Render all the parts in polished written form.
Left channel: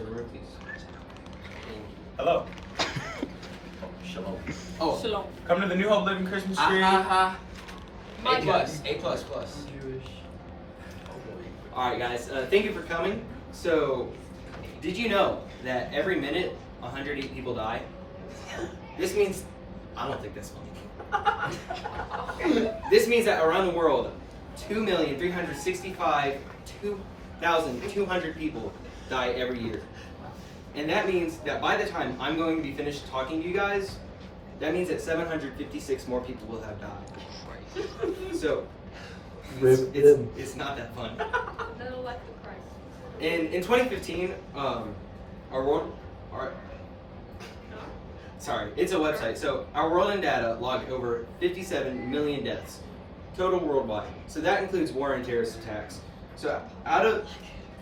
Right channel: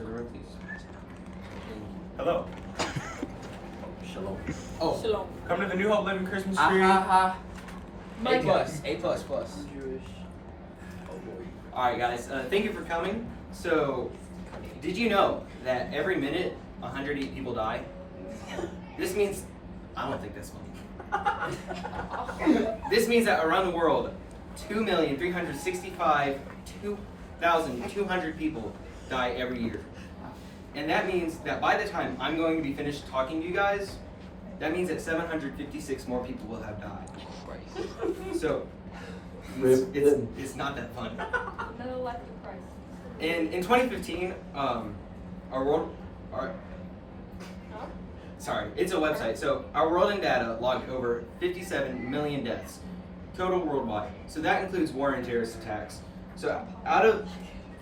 to the room, please. Hello. Shalom. Oh. Shalom. Come to the New Hope Living Christmas tree. A+. Jewish. Alright guys, thank you for coming. So, did you know that every minute 108 people die? This means, I don't think that's funny. This means that around the world, 2,365,200 people die every year. And that means that by the time I'm going to be finished talking to you guys, that means that 756 more people will have died. So, it's not that fun. In 2015, it's a website. So our World in Data logged over 57 million deaths total worldwide. So that includes war and terrorist attacks. So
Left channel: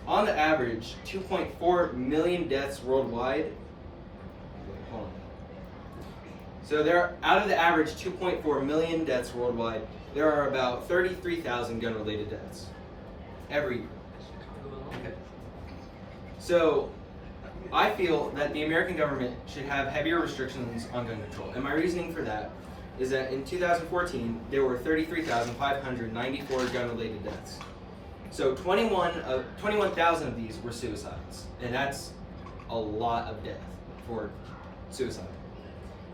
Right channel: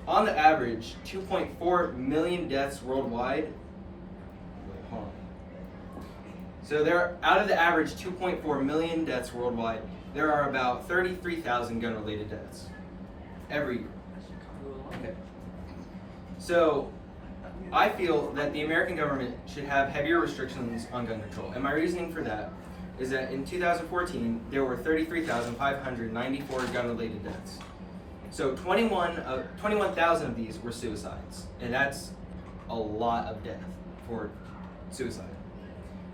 on the average, 2.4 million deaths worldwide. Hold on. So out of the average 2.4 million deaths worldwide, there are about 33,000 gun-related deaths every year. Okay. So I feel that the American government should have heavier restrictions on gun control. And my reasoning for that is that in 2014, there were 33,594 gun-related deaths. So 21,000 of these were suicides. And that's a lot of death for suicide.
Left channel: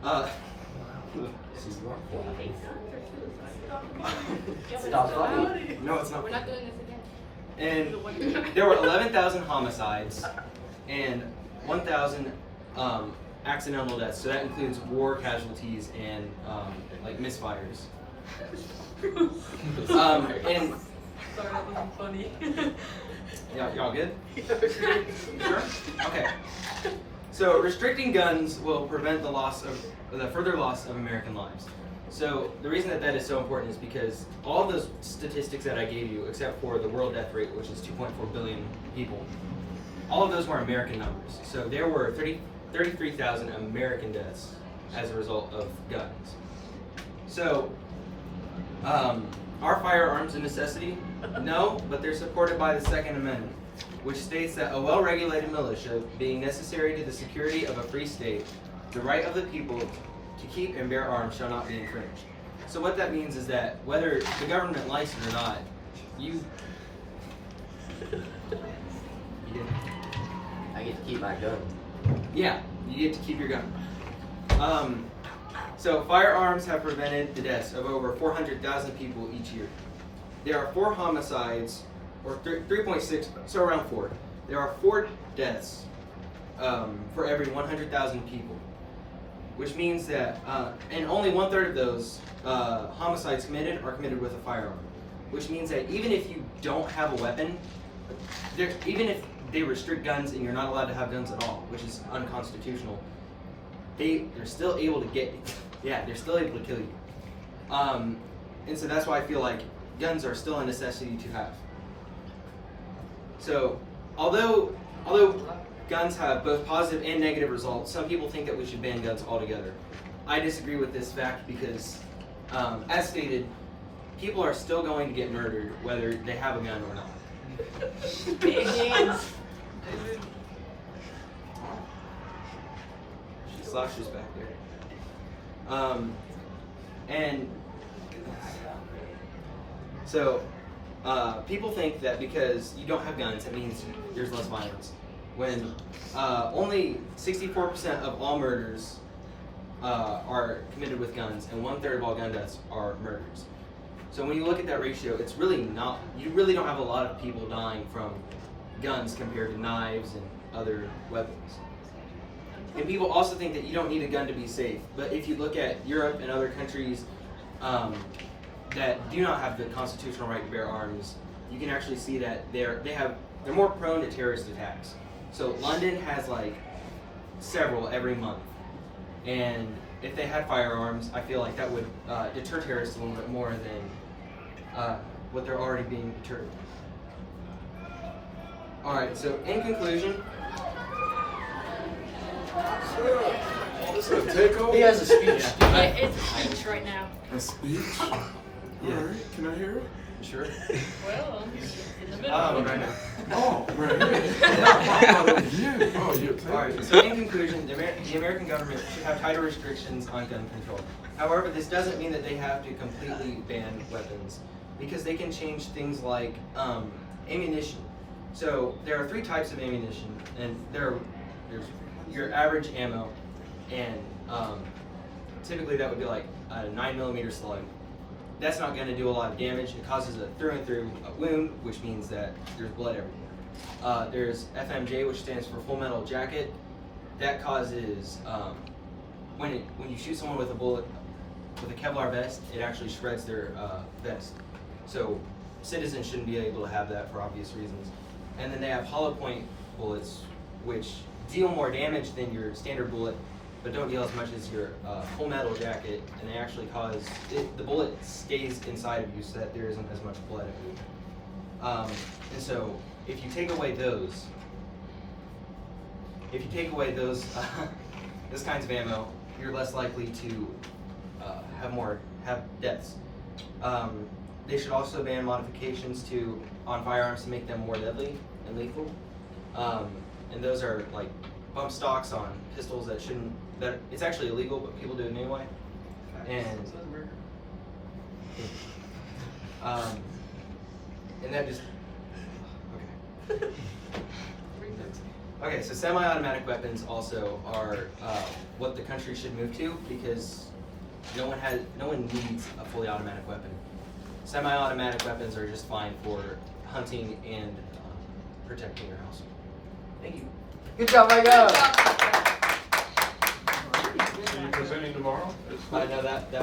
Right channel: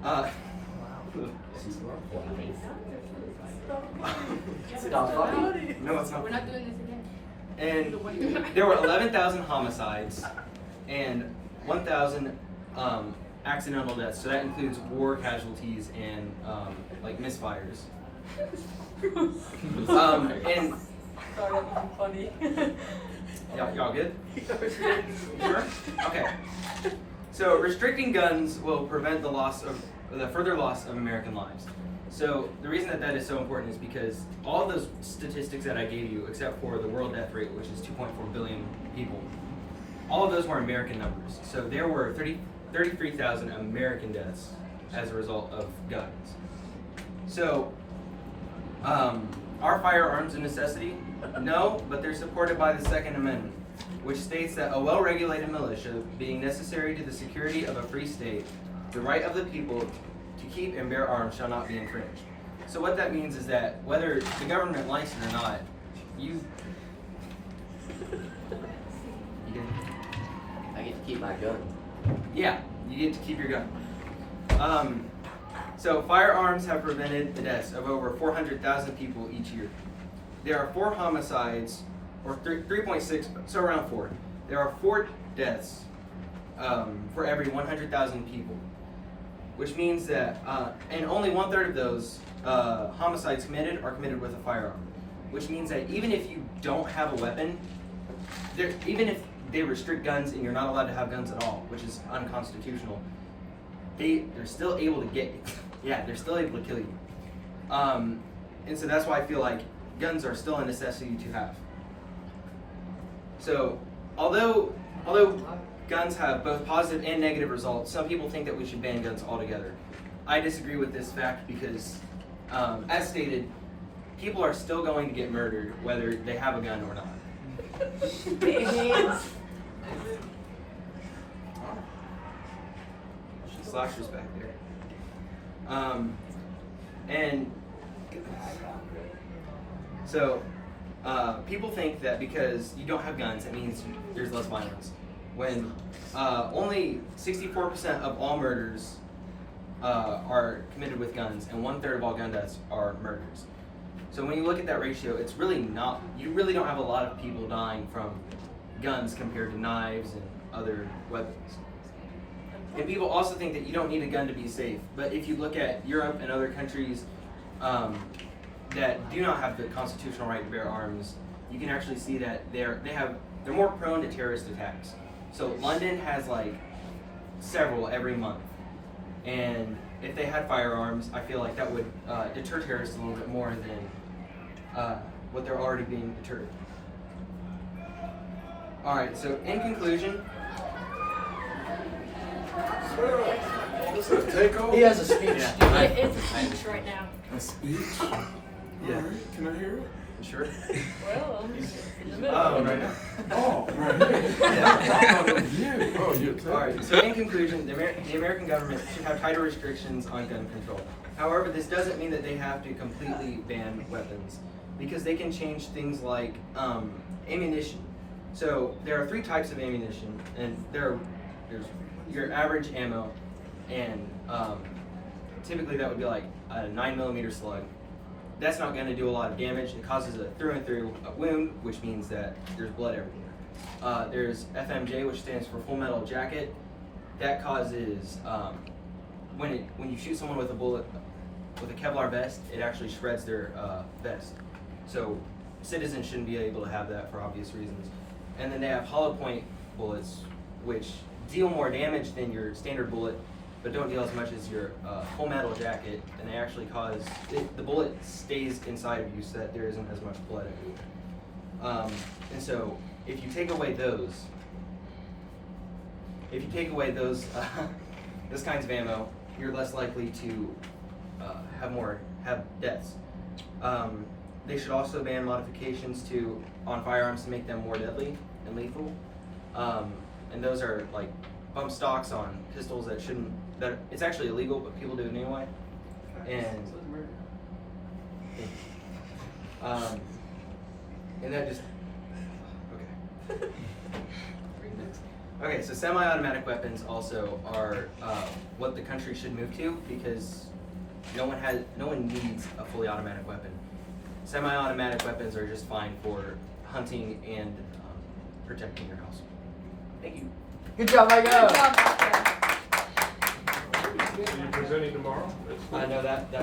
No, it's not. We're not doing this again. And there were 11,000 homicides and 1,000 accidental deaths. So that includes war casualties and like misfires. And Sorry, that wasn't funny. y'all good? Sure? Okay. So restricting guns will prevent the further loss of American lives. So the reason that is so important is because all those statistics that I gave you, except for the world death rate, which is 2.4 billion people, all of those were American numbers. So there were 33,000 American deaths as a result of guns. So are firearms a necessity? No, but they're supported by the Second Amendment, which states that a well-regulated militia, being necessary to the security of a free state, the right of the people to keep and bear arms shall not be infringed. So what that means is that whether the government likes it or not, you did. I get to keep my gun. Yeah, you get to keep your gun. So firearms have prevented the deaths of over 400,000 people each year. There are 4 homicides, or 3.6, so around 4. There are 4 deaths for every 100,000 people, which means that, and only 1/3 of those homicides committed are committed with a firearm, which means that even if you don't have a weapon, even if they restrict guns and you're not allowed to have guns at all, which is unconstitutional, they're still able to get you. Yeah, they're still able to kill you. And so that's why I feel like guns are still a necessity to have. So, although guns have both positive and negative results, some people think that we should ban guns altogether. I disagree with this fact because, as stated, people are still going to get murdered whether they have a gun or not. She slashes back there. And so people think that because you don't have guns, it means there's less violence. When only 64% of all murders are committed with guns, and 1/3 of all gun deaths are murders. So when you look at that ratio, it's really not, you really don't have a lot of people dying from guns compared to knives and other weapons. And people also think that you don't need a gun to be safe. But if you look at Europe and other countries that do not have the constitutional right to bear arms, you can actually see that they're more prone to terrorist attacks. So London has like several every month. And if they had firearms, I feel like that would deter terrorists a little bit more than what they're already being deterred. All right, so in conclusion, This is a takeover? He has a speech. It's a speech right now. A speech? Yeah. All right, can I hear it? sure. Well, in the middle. Right now. Oh, right here. Oh, Oh, you. Alright, so in conclusion, the American government should have tighter restrictions on gun control. However, this doesn't mean that they have to completely ban weapons, because they can change things like ammunition. So there are 3 types of ammunition, and there's your average ammo, and typically that would be like a 9mm slug. That's not going to do a lot of damage. It causes a through and through wound, which means that there's blood everywhere. There's FMJ, which stands for Full Metal Jacket. That causes when you shoot someone with a bullet with a Kevlar vest, it actually shreds their vest. So citizens shouldn't be able to have that for obvious reasons. And then they have hollow point bullets, which deal more damage than your standard bullet, but don't deal as much as your Full Metal Jacket, and they actually cause the bullet stays inside of you so that there isn't as much blood everywhere. And so if you take away those those kinds of ammo, you're less likely to have deaths. They should also ban modifications on firearms to make them more deadly and lethal. And those are like bump stocks on pistols that it's actually illegal, but people do it anyway. And that just okay. Okay, so semi-automatic weapons also are what the country should move to, because no one needs a fully automatic weapon. Semi-automatic weapons are just fine for hunting and protecting your house. Thank you. Good job, my guy. So you're presenting tomorrow? I know that